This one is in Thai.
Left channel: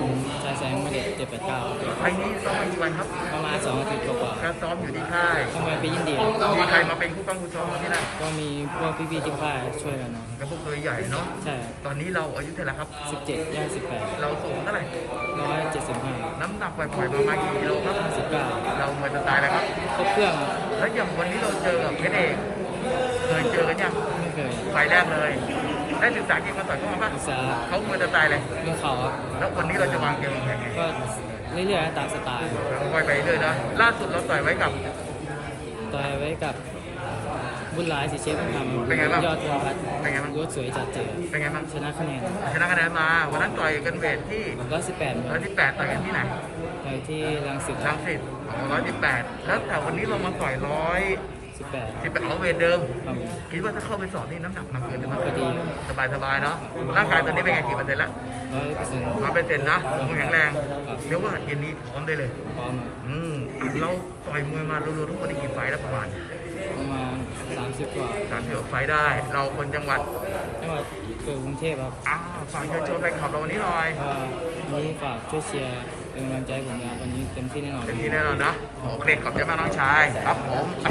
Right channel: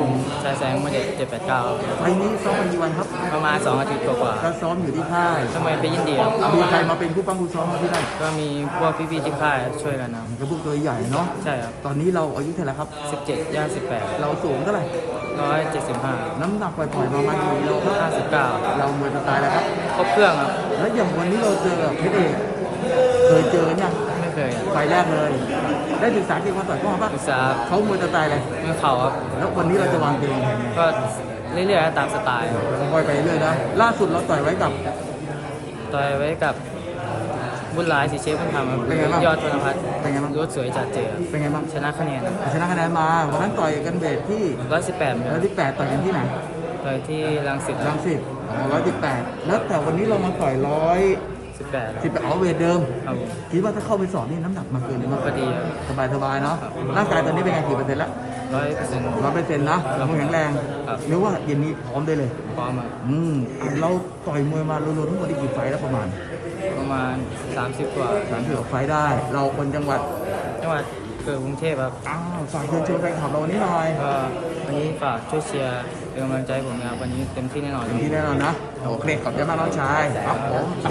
ผมชายแสงมาเด็ดเจ็ดแปดเก้าไฟล์นี้ซ้อมมากี่วันครับ ประมาณสองอาทิตย์กว่าก็ซ้อมอยู่ที่ค่าย ๆทำไมไปยินดีครับมีใครมาเป็นผู้ป้องผู้ซ้อมมาที่นั่นก็มีพวกพี่ๆที่ค่ายช่วยกันนะกระพวกตัวใหญ่เนาะ ใช่ครับตอนนี้เราอายุเท่าไหร่ครับ สิบเจ็ดย่างสิบแปดเราสูงเท่าไหร่ ร้อยเจ็ดสิบห้าน้ำหนักปล่อยๆประมาณกี่กิโลครับ ห้าสิบเก้าเราเมื่อจะตายแล้วครับ ครบเครื่องครับแล้วอย่างวันนี้เราเจอกับเพชรเอกเคยเจอกันยังไม่ เคยไฟล์แรกเลย ได้ศึกษาเกมมาต่อยเข้ามาปะศึกษาเขาเมื่อจะตายเลยเมื่อเข่าครับแล้ววันนี้เราจะวางเกมวางแผนไงก็เรื่อยๆตามสไตล์ปล่อยไปเรื่อยนะล่าสุดเราต่อยไว้กับต่อยไว้กับบุญหลายสีเชฟมันทำครับเป็นไงบ้างยอดธนพัฒน์เป็นไงบ้างรถสวยจัดเจอเป็นไงบ้างชนะคะแนนชนะคะแนนมาวันนั้นต่อยกันเวทที่ร้อยสิบแปดร้อยที่แปดต่อยกันที่ไหนต่อยที่รังสิตรังสิตร้อยที่แปดแล้วแต่วันนี้เรามาต่อยร้อย สิบแปดสิบแปดเอาเวทเดิม ครับผม คิดว่าถ้าเข้าไปสอนนี่น้ำหนักมาเกินหรือมาก็ดีครับ สบายสบายๆเนาะ ร่างกายตอนนี้เป็นไงกี่เปอร์เซ็นต์แล้วร้อยเปอร์เซ็นต์ ร้อยเปอร์เซ็นต์นะแข็งแรงครับ นึกว่าเย็นนี้พร้อมได้เลย พร้อมครับอืมเราต่อยมวยมารวมๆทั้งหมดได้กี่ไฟล์แล้วประมาณประมาณสามสิบกว่าสามสิบไฟล์ได้ เราคนจังหวัด จังหวัดเกิดกรุงเทพครับ อ้าวฝากเชิญชวนแฟนคลับเราวันนี้หน่อยก็วันนี้ฝากช่วยเชียร์เป็นกำลังใจให้ผมนะครับวันนี้เต็มที่แน่นอนเต็มที่แน่นอนนะ โอเคขอบใจมากน้องชาย ครับผม